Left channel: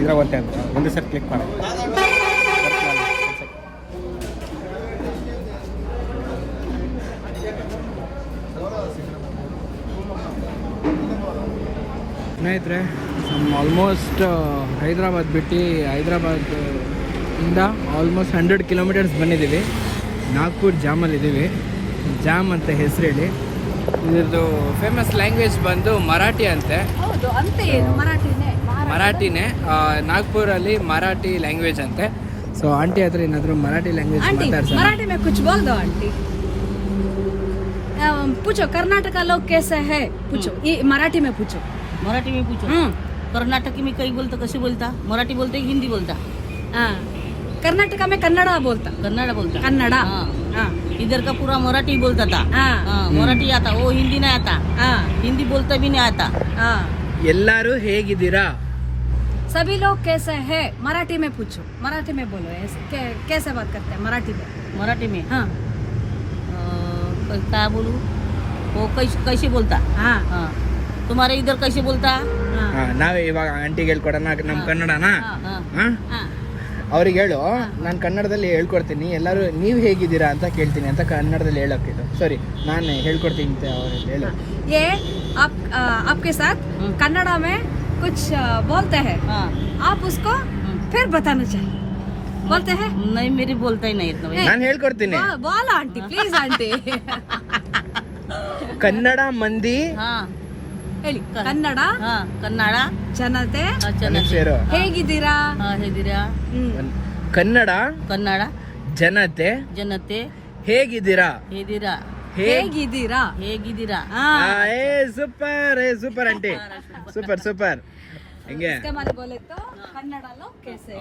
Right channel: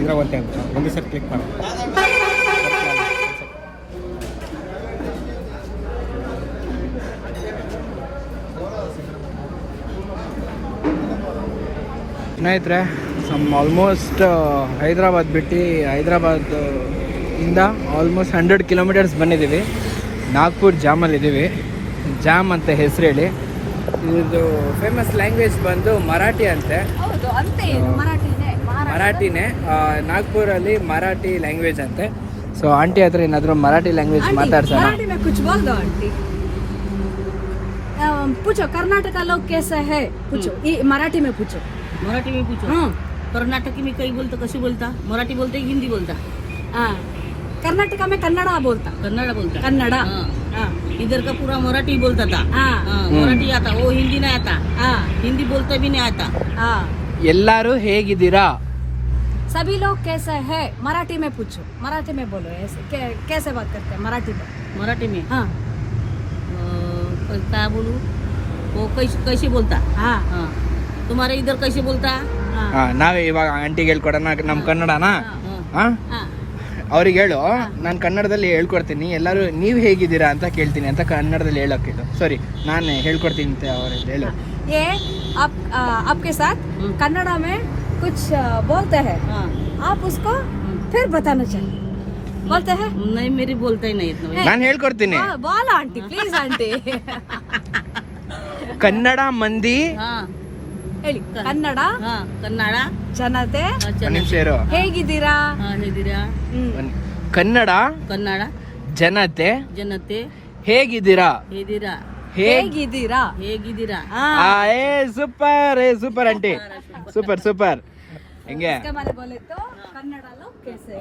ಇದ್ರಾಗ ಒಂದೇ ಅಂತ ಒಂದೇ ಸರಿ ಕ್ಲಿಕ್ ಮಾಡಿ. ಸ್ನೇಹಿತರೆ ಆಲ್ಮೋಸ್ಟ್ ಹೈದ್ರಾಬಾದ್ ಬಿಟ್ಟು ಹೈದ್ರಾಬಾದ್ ಇಂದ ಆಲ್ಮೋಸ್ಟ್ 100 ಕಿಲೋಮೀಟರ್ಸ್ ಬಂದಿದ್ದೀವಿ. ನಾಗ್ಪುರ್ ಜಾಮಲ್ಲಿದ್ದೀವಿ. ಜಾಮ್ ಅಂತ ಹೆಸರು ಹೇಳಿ. ಇದು ಫೇಮಸ್ ಲ್ಯಾಂಗ್ವೇಜ್ ಬಂದು ಮರಾಠಿ ಅಂತೆ. ಮರಾಠಿನೇ ನಾಗ್ಪುರಲ್ಲಿ ಮರಾಠಿ ಲ್ಯಾಂಗ್ವೇಜ್ ಅಂತೆ. ಸೊ ಆಂಟಿ ಹತ್ರ ಏನಾದರೂ ಮರಾಠಿ ಲ್ಯಾಂಗ್ವೇಜ್ ಮಾತಾಡ್ತಾರೆ. पूछो कर्नाटक लोग कैसे है पूछो. मराठी में पूछो. मराठी में पूछो. कर्नाटक में कई बोलता कसे बोलता मराठी बोलते हिंदी बोलता. कर्नाटका में कन्नड़ा बोलता. कन्नड़ा. इधर का पूरा मराठी बोलता था. मराठी आता वो हिंदी नहीं आता. हिंदी बोलता भी नहीं आता. ಎಲ್ಲರೂ ಹೇಗಿದ್ದೀರಾ? सभी लोग कैसे है मराठी में पूछो. मराठी में बोलो. कैसे बात करते हैं मराठी में क्या बोलूं वो कैसे बोलता. तुम्हारे इधर कैसे बोलता. ನಾವೇ ಇವಾಗ ಆಂಟಿಗೆ ಹೇಳ್ಕೊಡೋಣ ನಮ್ಮ ಕನ್ನಡನ. ಅವ್ರಿಗೆ ಹೇಳು, ನಾನು ಕನ್ನಡದಲ್ಲಿ ಹೇಳ್ಕೊಡ್ತೀನಿ. ಎಲ್ಲರೂ ನೀವು ಹೇಗಿದ್ದೀರಾ ಅಂತ ಕೇಳ್ತೀನಿ ಅಂತ ಕನ್ನಡದಲ್ಲಿ ಹೇಳಕ್ಕೆ. ಸಾರಿ, ನಾನು ಹೇಳ್ಕೊಡ್ತೀನಿ ಅಂತ ಅವ್ರಿಗೆ ಹೇಳು. ये आपके साथ कन्नड़ा में कुछ बोलते हैं. आप उसको फिर बताना चाहिए. बोलते हैं? नहीं मेरी बोलता ही नहीं इतना. ನಾನು ಹೇಳ್ಕೊಡ್ತೀನಿ. बोल आंटी प्लीज आंटी. ಕನ್ನಡ ಮಂದಿ ಹೇಳಿ. ಕನ್ನಡ ಕನ್ನಡ ಜನತೆ ಹೇಗಿದ್ದೀರಾ? ಹೇಗಿದ್ದೀರಾ. ಕನ್ನಡ ಕನ್ನಡ ಜನತೆ ಜನತೆ ಹೇಗಿದ್ದೀರಾ. ಹೇಗಿದ್ದೀರಾ. Super super aunty, super super. ಹಿಂಗೆ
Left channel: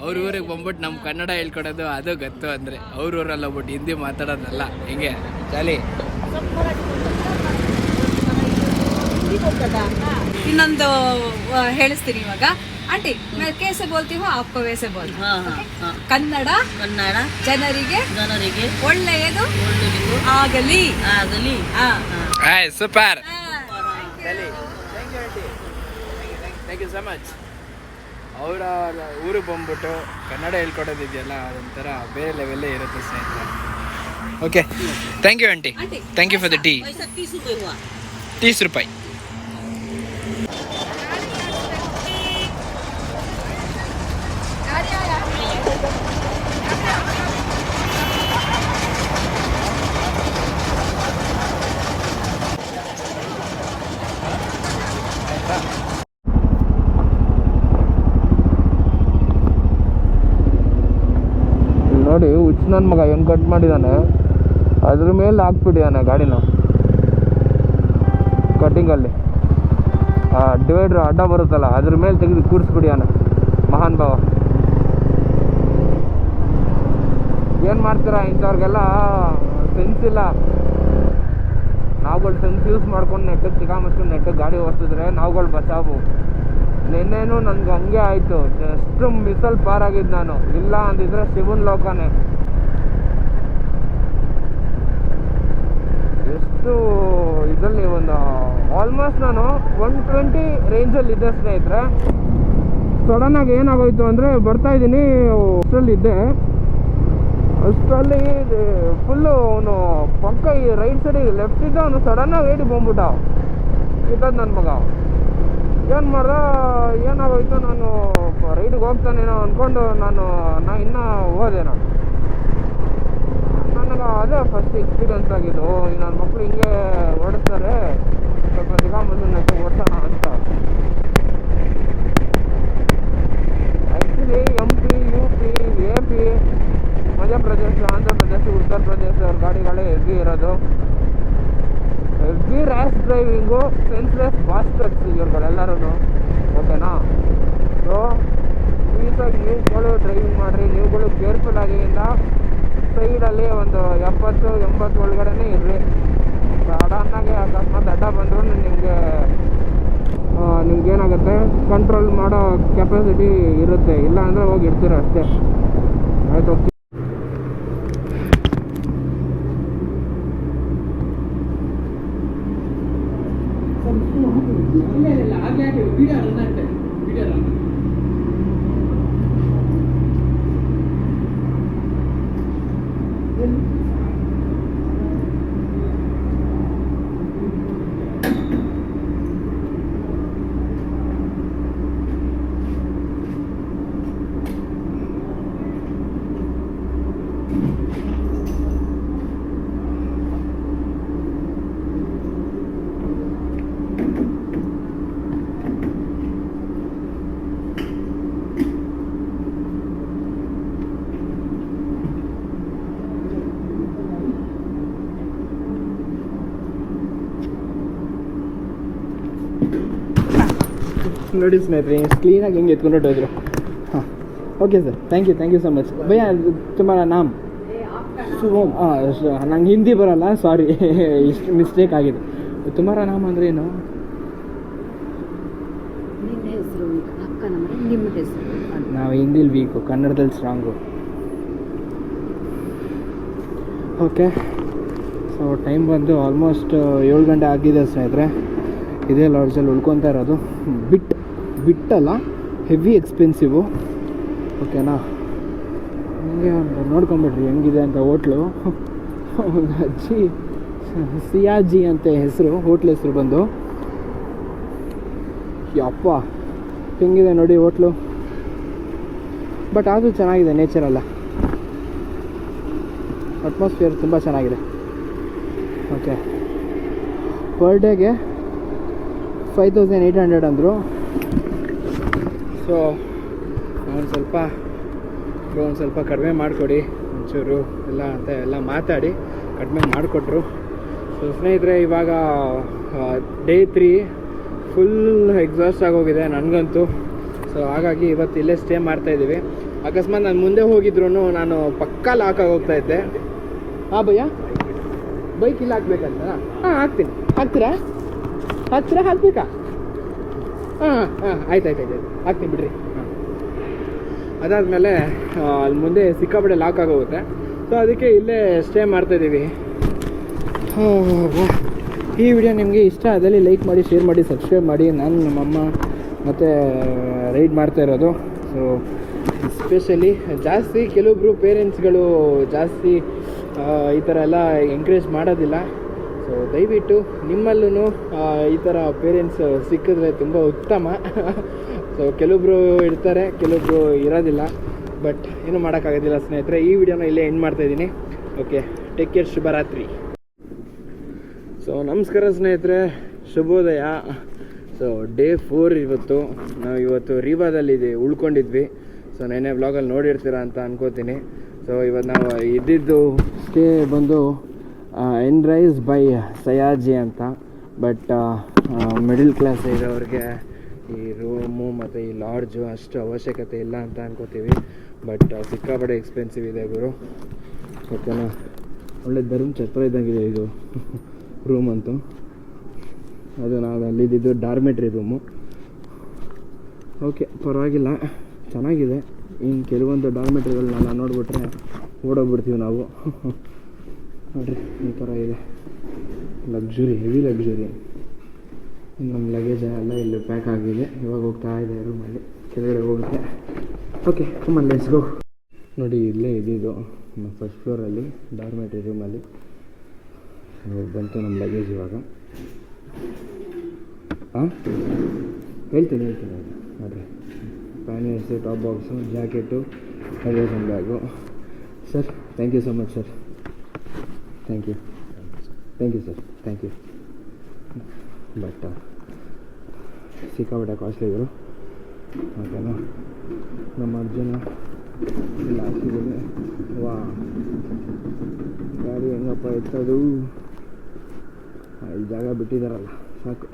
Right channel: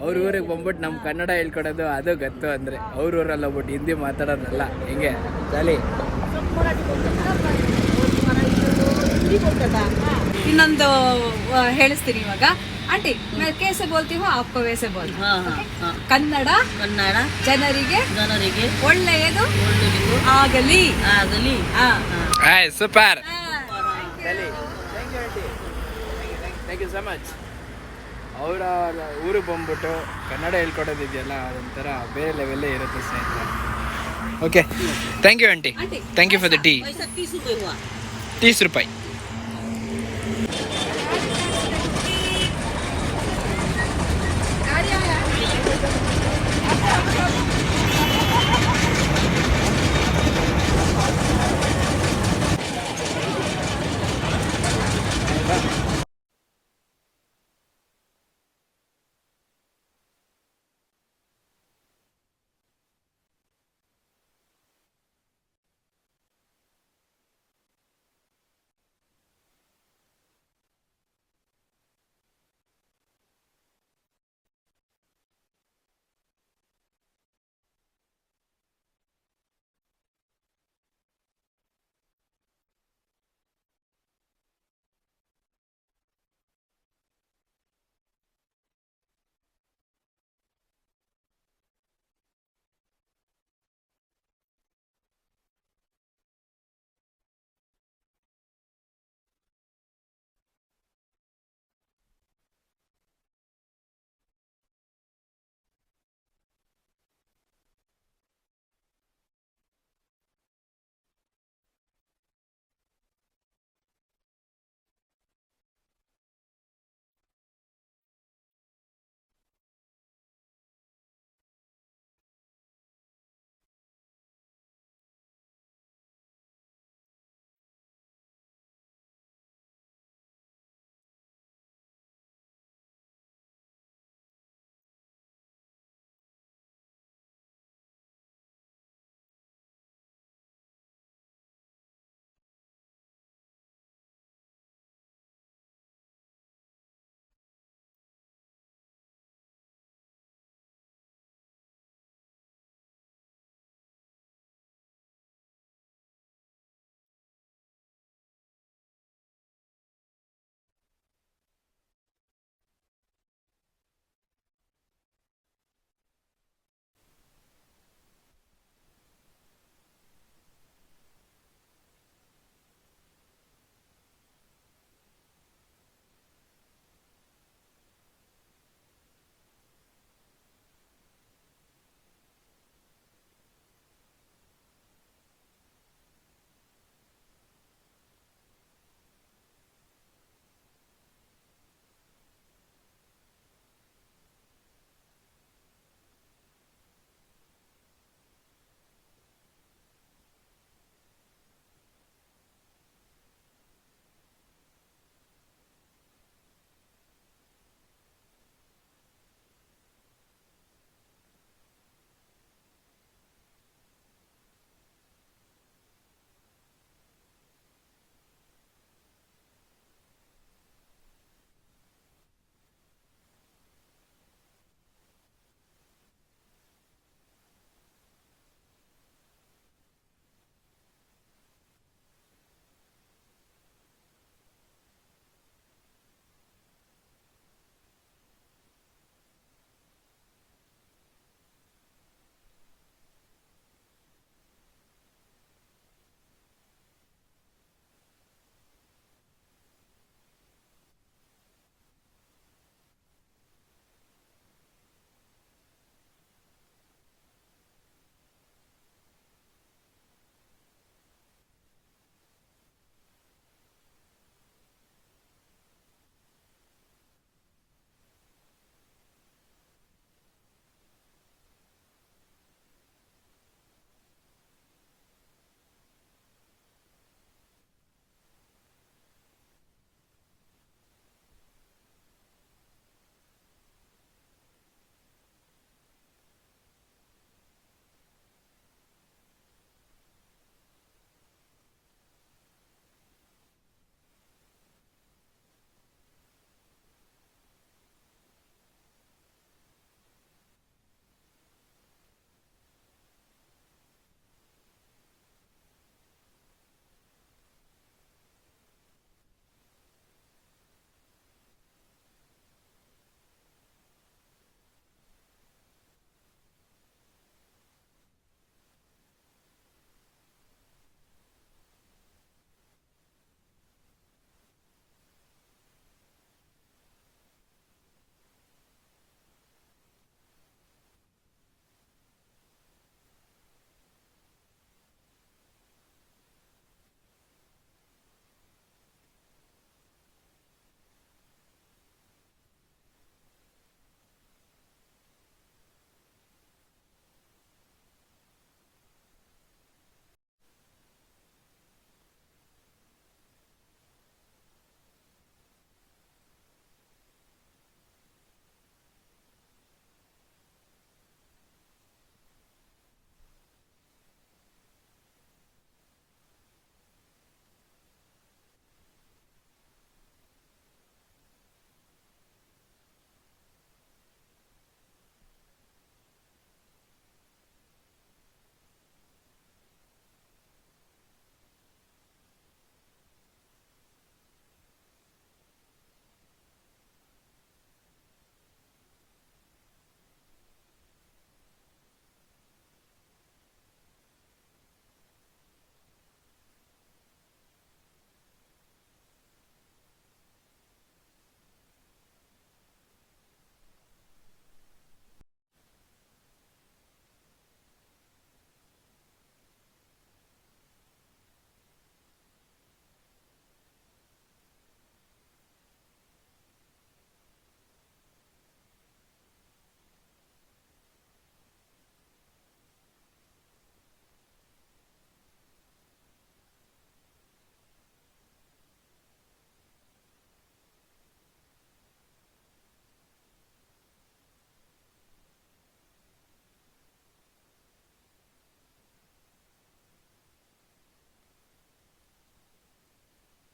ಅವ್ರ ಊರಿಗೆ ಬಂದ್ಬಿಟ್ಟು ನಮ್ ಕನ್ನಡ ಹೇಳ್ಕೊಡೋದು ಅದು ಗೊತ್ತು ಅಂದ್ರೆ, ಅವ್ರ ಊರಲ್ಲಿ ಹೋಗ್ಬಿಟ್ಟು ಹಿಂದಿ ಮಾತಾಡೋದಲ್ಲ. ಹಿಂಗೆ ಚಾಲಿ. ಇನ್ನೊಂದು ಹೇಳಿಸ್ತೀನಿ ಇವಾಗ. ಆಂಟಿ ಕೇಸೆ ಬೋಲ್ತೀವೋ ಆಪ್ಕೋ ವೇಸೆ ಬೋಲ್. ಕನ್ನಡ ಜನರಿಗೆ ಒಳ್ಳೆಯದು ಆಗಲಿ. Super. Thank you so much. ಅವರ ಊರಿಗೆ ಬಂದ್ಬಿಟ್ಟು ಕನ್ನಡ ಹೇಳ್ಕೊಡೋದಿದೆಯಲ್ಲ, ಅದೊಂಥರ ಬೇರೆ ಲೆವೆಲ್ಲೇ ಇರುತ್ತೆ ಸ್ನೇಹಿತರೆ. Okay, thank you aunty. Thank you for the tea. 30 ರೂಪಾಯಿ. ನೋಡಿ ಹುಚ್ಚ ನನ್ನ ಮಗ ಏನು ಕಟ್ ಮಾಡಿದ್ದಾನೆ, ಅದ್ರ ಮೇಲೆ ಹಾಕ್ಬಿಟ್ಟಿದ್ದಾನೆ ಗಾಡಿನ ಕಟ್ಟಿಂಗಲ್ಲಿ. ಡಿವೈಡ್ರ್ ಅಡ್ಡ ಬರುತ್ತಲ್ಲ, ಅದ್ರ ಮೇಲೆ ತೆಗೆದು ಕೂರಿಸ್ಬಿಟ್ಟಿದ್ದಾನೆ ಮಹಾನ್ ಭಾವ. ಏನು ಮಾಡ್ತೀರಾ ಇಂಥವ್ರಿಗೆಲ್ಲ ಸೆನ್ಸ್ ಇಲ್ಲ. ನಾವುಗಳು ಸೆನ್ಸ್ ಯೂಸ್ ಮಾಡ್ಕೊಂಡು ನೆಟ್ಟಗೆ ಸಿಗಾಮಸ್ಕೊಂಡು ನೆಟ್ಟಗೆ ಗಾಡಿ ಓಡಿಸಿದ್ರೆ ನಾವುಗಳು ಬಚಾವು. ನಿನ್ನೇನು ನನಗೆ ಹಂಗೆ ಆಯಿತು. ಜಸ್ಟ್ ಮಿಸಲ್ ಪಾರಾಗಿದ್ದು ನಾನು. ಇಲ್ಲ ಅಂದಿದ್ರೆ ಶಿವನ್ ಲೋಕನೇ. ಎಷ್ಟು ಇದರಲ್ಲಿ ಒಂದು ಆಲ್ಮೋಸ್ಟ್ ನಾನು 120 ರೇಂಜಲ್ಲಿದ್ದೆ ಸ್ನೇಹಿತರೆ. ಸಡನ್ನಾಗಿ ಏನಾಗೋಯ್ತು ಅಂದರೆ, ಬರ್ತಾಯಿದ್ದೀನಿ ಅಷ್ಟರಲ್ಲಿದ್ದೆ, ಅಷ್ಟರಲ್ಲಿ ಫುಲ್ಲು ಅವನು ಪಕ್ಕ ಈ ರೈಟ್ ಸೈಡಿಗೆ ಲೆಫ್ಟ್ ಇದ್ದ, ಅವನು ಸಡನ್ನಾಗಿ ಏಡಿ ಬಂದ್ಬಿಟ್ಟ. ಇದ್ದದ್ದು ನನ್ನ ಮಗ. ಏನು ಮಾಡ್ದೆ, ಏನಾಗೋಯ್ತು, ನಾನು ರೈಡಿಗೆ ಹೋಗ್ತಾನೇನೋ ಅಂದ್ಕೊಂಡು ನಾನು ಇನ್ನೂ ಹೋದೆ. ನನಗೆ ಅದೇ ಫಸ್ಟ್ ಎಕ್ಸ್ಪೀರಿಯನ್ಸ್ ಆಗಿದ್ದು. ನನ್ನ ಮಕ್ಕಳು ಹಿಂಗೆ ಓಡಿಸ್ತಾರೆ, ಸ್ವಲ್ಪ ದಿಗಾಮಂದು ನೆಟ್ಟು ಓಡಿಸೋಣ ಅಂತ. Actually MP, UP, AP, Madhya Pradesh, Andhra Pradesh, Uttar Pradesh ಅವ್ರ ಗಾಡಿಗಳೇ ಹೆವಿ ಇರೋದು. Heavy rash driving, senseless bastards ಇವ್ರುಗಳೆಲ್ಲರೂ. ಓಕೆನಾ? ಸೊ ಪ್ಲೀಸಾಗಿ ನೀವುಗಳು ಡ್ರೈವಿಂಗ್ ಮಾಡಿರಿ. ನೀವುಗಳು ಕೇರ್ಫುಲ್ ಆಗಿಯಿಂದ ಸೈಡಲ್ಲಿ ಒಂದು 70-80 ಒಳಗಡೆ ಇರ್ರಿ. ಸಡನ್ನಾಗಿ ಅಕಸ್ಮಾತ್ ಅಡ್ಡ ಬಂದರೂ ನಿಮಗೆ ನಿಮ್ಗೇನಾಗುತ್ತೆ ಕಂಟ್ರೋಲ್ ಮಾಡೋ ಕೆಪಾಸಿಟಿ ಇರುತ್ತೆ, ಇಲ್ಲ ಅಂದರೆ ಹೋಗಿ ಇಡ್ತೀರ ಅಷ್ಟೇ. ಆಯ್ತು. ನೋಡಿ ಸ್ನೇಹಿತರೆ, ಕ್ಲೀನಾಗಿ ಹೆಂಗೆ ಎತ್ಕೊಂಡು ಹೊಟ್ಟೋದ್ರು. ಹಾಂ, okay sir, thank you so much. ಭಯ್ಯ ತುಮಾರಾ ನಾಮ್? ಶುಭಮ್. ನಂಗೆ ಹಿಂದಿ ಬರೋಲ್ಲ, ಸಾರಿ, ಇಷ್ಟು ಮಿಸ್ಟೇಕ್ ಆಗಿದೆ. ತುಮಾರಾ ನಾಮ್ ಅಂದರೆ ಏನು? ನಾವು ಹಿಂದಿಲಿ ವೀಕು, ಕನ್ನಡದಲ್ಲಿ ಸ್ಟ್ರಾಂಗು. ಓಕೆ, ಸೊ ಟೈಮ್ ಬಂದು ಆಲ್ಮೋಸ್ಟ್ 7 ಗಂಟೆ ಆಗಿದೆ ಸ್ನೇಹಿತರೆ. ಇದೇ ಲಾಡ್ಜಲ್ಲಿ ಉಳ್ಕೊತಾ ಇರೋದು. ಬಿಟ್ಟಲ್ಲ, ಹೆವಿ ಎಕ್ಸ್ಪೆನ್ಸಿವು. ಓಕೆನಾ? ಹಂಗೆ ಒಂದು ನೋಡ್ಕೊಂಬಿಡ್ರಿ ಹೆಂಗಿದೆ ಅಂತ ಹೋಟ್ಲು. ಒಂದು ಅಜ್ಜಿ ಸಿಯಾಜಿ ಅಂತ ಹೆಸರು, ಹೋಟ್ಲ್ ಹೆಸರು ಬಂದು. ಯಪ್ಪ ಹೆಂಗಿದೆ ನೋಡಿ ಹೋಟ್ಲು. ಬಟ್ ಅದು ಚೆನ್ನಾಗಿದೆ, ನೇಚರಲ್ಲ, ಅಟ್ಮಾಸ್ಫಿಯರ್ ತುಂಬ ಚೆನ್ನಾಗಿದೆ. ಓಕೆ, ಪರ್ ಡೇಗೆ 5800 ಅಂದರು. ಸೊ ಒಂದು ಸ್ವಲ್ಪ ಕಡಿಮೆ ಮಾಡಿಕೊಡಿ ಒಂಚೂರು ಎಲ್ಲ ಅಂತ ಎಲ್ಲ ಮಾತಾಡಿ ಕಡಿಮೆ ಮಾಡಿಕೊಟ್ರು. ಸೊ ಸ್ನೇಹಿತರೆ, ಇವಾಗ ಡೇ 3 ಫುಲ್ ಎಕ್ಸಾಸ್ಟ್ ಆಗೋಗಿದೆ ನನಗಂತೂ. ಸೊ ಹಾಗಾಗಿ ಇವತ್ತು ಇಲ್ಲೇ ಸ್ಟೇ ಮಾಡ್ತಾಯಿದ್ದೀವಿ. ಅಕಸ್ಮಾತ್ ನಾನು ಮುಂದೆ ಹೋಗಿದ್ರು ನಾನು ಪಕ್ಕಾ ಲಾಕ್ ಆಗೋಗ್ತಾ ಇದ್ದೆ. ಹಾಂ ಭಯ್ಯ, ಬೈಕ್ ಇಲ್ಲ ಹಾಕ್ಬೇಕಂತ? ಹಾಂ ಹಾಕ್ತೀನಿ. ಹಾಕ್ಬೇಕಾ? ಹಾಂ ಆಯ್ತು ಹಾಕ್ತೀನಿ ಬಿಡ್ರಿ. ಹಾಂ, ಅದಾದಮೇಲೆ ಅಲ್ಲಿ ಮುಂದೆ ಸಿಕ್ಕಾಪಟ್ಟೆ ಲಾಕ್ ಆಗೋಗುತ್ತೆ. ಸೊ ಅದಕ್ಕೆ ಇಲ್ಲೇ ಸ್ಟೇ ಮಾಡ್ತಾಯಿದ್ದೀವಿ. ಈ ವಿಡಿಯೋ ನಿಮಗೆ ಇಷ್ಟ ಆದಲ್ಲಿ ಲೈಕ್ ಮಾಡಿ, ಶೇರ್ ಮಾಡಿ, ಸಬ್ಸ್ಕ್ರೈಬ್ ಮಾಡಿ. ನಾನು ನಮ್ಮಮ್ಮ ಮತ್ತು ರೈಡ್ ಮಾಡ್ತಾ ಇರೋದು. ಸೊ ಎಸ್ಪೆಷಲಿ ಜಾಸ್ತಿ ಕೆಲವೊಬ್ಬರು ಪೇರೆಂಟ್ಸ್ಗಳು ಜಾಸ್ತಿ ಈ ಥರ ಎಲ್ಲ ಎಂಕರೇಜ್ ಮಾಡೋದಿಲ್ಲ. ಸೊ ದಯವಿಟ್ಟು ನಿಮ್ಮಲ್ಲೂ ಈ ಥರ ಪೇರೆಂಟ್ಸ್ ಸಿಕ್ಕಿದ್ರೆ ತುಂಬ ಉತ್ತಮ. ಸೊ ಕೆಲವೊಬ್ಬರು ಇರ್ತಾರೆ, ಕೆಲವೊಬ್ಬರು ಇರೋದಿಲ್ಲ. ಬಟ್ ಏನೂ ಮಾಡೋಕ್ಕಾಗೋದಿಲ್ಲ ಸ್ನೇಹಿತರೆ. ಈ ವಿಡಿಯೋನ ಇಲ್ಲೇ ಎಂಡ್ ಮಾಡ್ತಾಯಿದ್ದೀನಿ. ಓಕೆ, ಟೇಕ್ ಕೇರ್, ಶುಭರಾತ್ರಿ. ಸೊ ನಮಸ್ಕಾರ ಸ್ನೇಹಿತರೆ, ಶುಭೋದಯ. ಸೊ ಡೇ 4 ಇವತ್ತು. ನಾವು ಇವತ್ತು ರೀವಾದಲ್ಲಿ ಉಳ್ಕೊಂಡಿದ್ವಿ. ಸೊ ನೆನ್ನೆ ವ್ಲಾಗಲ್ಲಿ ನೋಡಿರ್ತೀರ ಅಂತ ಅನ್ಕೋತೀನಿ. ಸೊ ಇವತ್ತು ನಾವು ಇದ್ದಿದ್ದು ಸ್ಟೇ ಬಂದು ಎನ್ರೈಸ್ ಬೈ ಸಯಾಜಿ ಅಂತ. ಬಟ್ ಮಿಡಲ್ ಕ್ಲಾಸ್ ಇರೋರಿಗೆ ಈ ರೂಮು ಮತ್ತು ಈ ಲಾಡ್ಜು ಅಷ್ಟು ಅವಶ್ಯಕತೆ ಇಲ್ಲ ಅಂತ ಅನ್ಕೋತೀವಿ. ಬಟ್ ಸಿಕ್ಕಾಪಟ್ಟೆ ಎಕ್ಸ್ಪೆನ್ಸಿವ್ ಇದೆ ಗುರು. ಓಕೆನಾ? ಒಳ್ಳೆ ಧರ್ಮ ಛತ್ರ ಇದ್ದಂಗಿದೆ ಇದು ರೂಮ್ ಅಂತೂ. ಅದು ನಾವು ಅಲ್ಲಿದ್ದು ಡಾರ್ಮೆಟ್ರಿ ರೂಮು. ಓಕೆ, ಪರವಾಗಿಲ್ಲ, ಚೆನ್ನಾಗಿದೆ. ಇನ್ನು ಕೆಲವೊಂದು ಡಾರ್ಮೆಟ್ರಿಗಳನ್ನೆಲ್ಲ ನೋಡಿಬಿಟ್ರೆ ಓಡೋಗ್ಬಿಡ್ತೀವಿ ನಾವು. ನೋಡಿರಿ, ಈ ಥರ ಇದೆ ಲಕ್ಸುರಿ, ಹೆವಿ ಲಕ್ಸುರಿ. ನಮ್ಮ ಲಗೇಜ್ ಎಲ್ಲ ಇಲ್ಲಿ ಪ್ಯಾಕ್ ಆಗಿದೆ. ಇವಾಗ ಹೋಗ್ತಾ ಇದೆ ರೂಮಲ್ಲಿ, ಕೆಳಗಡೆ ಹೋಗುತ್ತೆ. Okay, come on let's go. ನೋಡಿ, ಇಲ್ಲೇ ಇದ್ದಿದ್ದು ನಮ್ಮ ಫಸ್ಟ್ ಫ್ಲೋರಲ್ಲಿ ಡಾರ್ಮೆಟ್ರಿ ರೂಮಲ್ಲಿ. ಬಂತು ನಮ್ಮ ಲಗೇಜ್ ಇವಾಗ. ಹಾಂ, ಹೇಳ್ತೀನಿ ನೋಡಿರಿ. Pants, top box, jacket, luggage ಒಂದು bag. Sir, thank you so much sir. Thank you sir, thank you. But ಸಿಕ್ಕಾಪಟ್ಟೆ ಕಾಸ್ಟ್ಲಿಗಳು. ಓಕೆನಾ? ನಮ್ಮ ಅರ್ಜುನ ಲಾಸ್ಟಿಗೆ ವಾ ಗಾಡಿ ಹೆಂಗಪ್ಪ ಎತ್ತದು. ಈ ಜಾಗ ಬಿಟ್ಟಿದ್ದಾರಲ್ಲ, ಸಾಕು.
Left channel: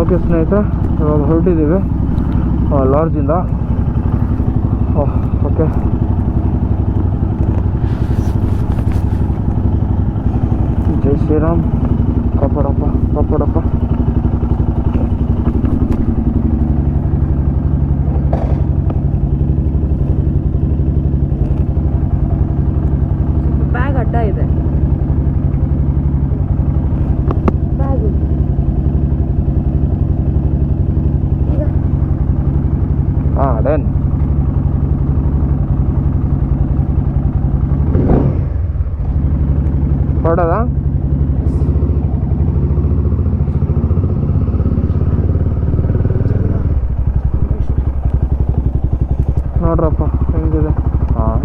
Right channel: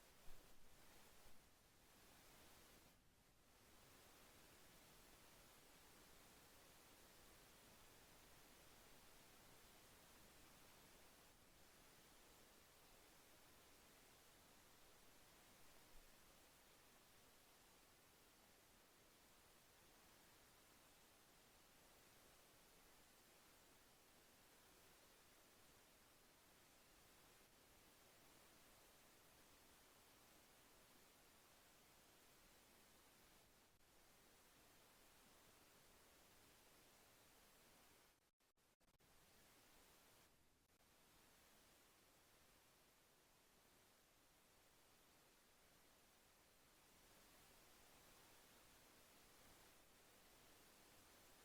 ಓಕೆ ಸ್ನೇಹಿತರೆ, ಇವಾಗ ಹೊರಟಿದ್ದೀವಿ ಲಾಡ್ಜಿಂದ. ಓಕೆ, ಜೈ ಶ್ರೀರಾಮ್. ಕಾಪಾಡಪ್ಪ. ಡನ್. ಹೊರಡದ ನೋಡ್ರಪ್ಪ ಹೆಂಗಿದೆ. ಹಾಂ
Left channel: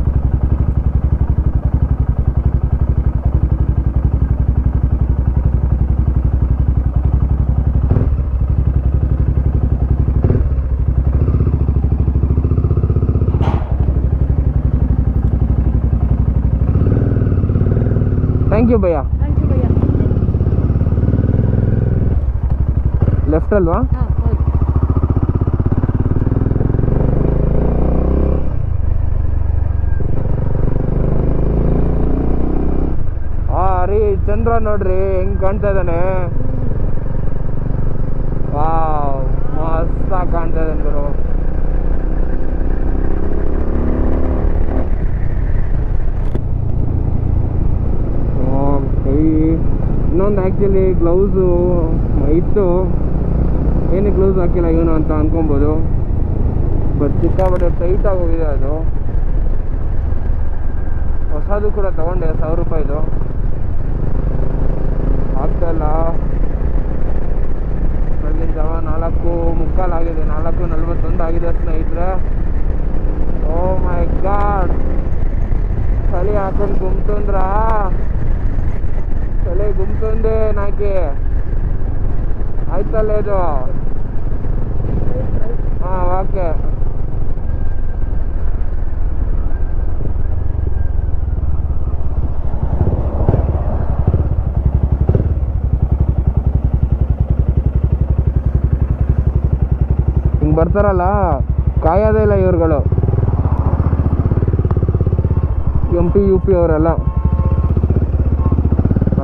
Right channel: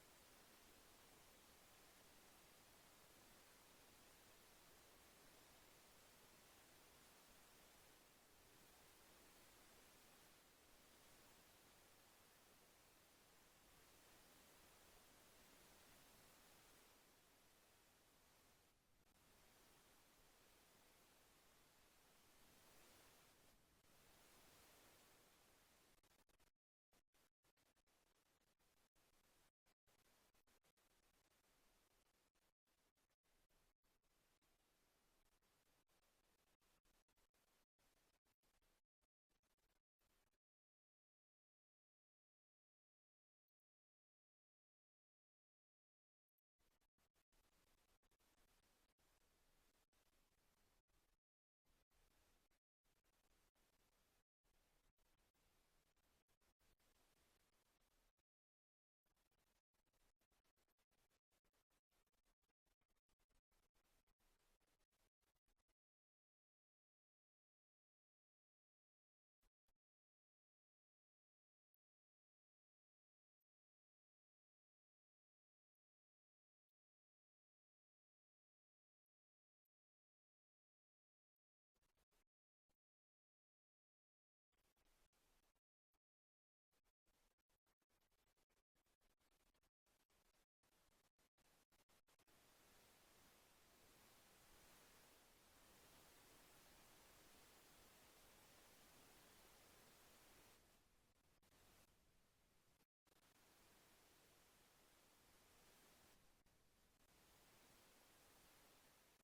ಥ್ಯಾಂಕ್ ಯು ಭಯ್ಯ. थैंक यू भैया. ಲೆಫ್ಟ್ ಅಲ್ವಾ? हाँ होगी. ರೀ ಚಂದ್ರ ನೋಡ್ರಿ ಹೆಂಗ್ ಕಾಣ್ತಾ ಇದ್ದಾನೆ. ವಾವ್ ಮಸ್ತಾಗಿ ಕಾಣ್ತಾ ಇದ್ದಾನೆ ಗುರು. ಕೈ ಇನ್ನೊಂದು ಆ್ಯಕ್ಚುಲಿ ಗ್ಲೌಸು ಇತ್ತು, ಏನಕ್ಕೆ ಗ್ಲೌಸ್ ಹಾಕಿಲ್ಲ ಇವನು ಅಂತ ಅನ್ಕೊಬೋದು. ಬಟ್ ಸಿಕ್ಕಾಬಟ್ಟೆ ಟೈಟ್ ಆಗೋಗಿದೆ ಅದು. ಹೊಸದು ಕೂಡ ತಗೊಂಡೆ 1000 ರೂಪಾಯಿದು. ಆಗ್ತಾಯಿಲ್ಲ. ಬೆಳಗಿನ ಜಾವ 4:45 ಆಗಿದೆ, 4:41 ಆಗಿದೆ ಸ್ನೇಹಿತರೆ. ಓ ಮೈ ಗಾಡ್, ಚಳಿ ಹಾಕೊಂಡು ಗುಮ್ತಂದ್ರ ಚಳಿ ಗುಮ್ತಂದೆ ನಾಕಿ ಆಯ್ತಲ್ಲ ಇದು. ಹಾಂ ಓಕೆ. ಹಿಂಗೆ ಬರ್ತಾರಲ್ಲ ಕಾಯೋದೇ ಇಲ್ಲ ಇವ್ರುಗಳು, MP UP ಅವರೆಲ್ಲ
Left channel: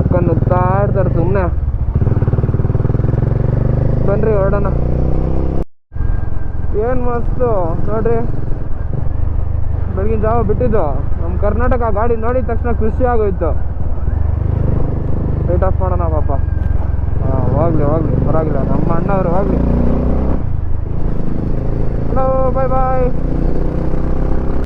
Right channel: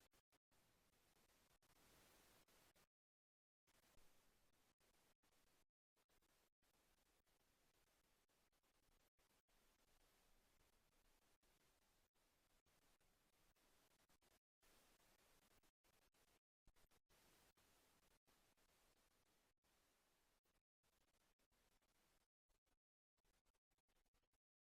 ಅಕ್ಕ ನುಗ್ತಾ ಇರ್ತಾರೆ ಸುಮ್ಮನೆ. ಬನ್ರಿ ಹೊರಡೋಣ. ಏನು ಮಸ್ತು ನೋಡ್ರಿ, ಬೆಳಗಿನ ಜಾವ ಬಿಟ್ಟಿದ್ದು ನಮ್ಮ ಕರ್ನಾಟಕ ಗಾಡಿ ನೋಡಿದ ತಕ್ಷಣ ಖುಷಿ ಆಗೋಯ್ತು. ಲೈಟ್ ಆಫ್ ಮಾಡೋಣ ಪಾಪ. ಹಾಂ ಹೋಗ್ಲಿ ಹೋಗ್ಲಿ ಪರವಾಗಿಲ್ಲ, ನಮ್ಮ ಅಣ್ಣವರು ಹೋಗ್ಲಿ. ಹಲೋ ಬಾಯ್ ಬಾಯ್.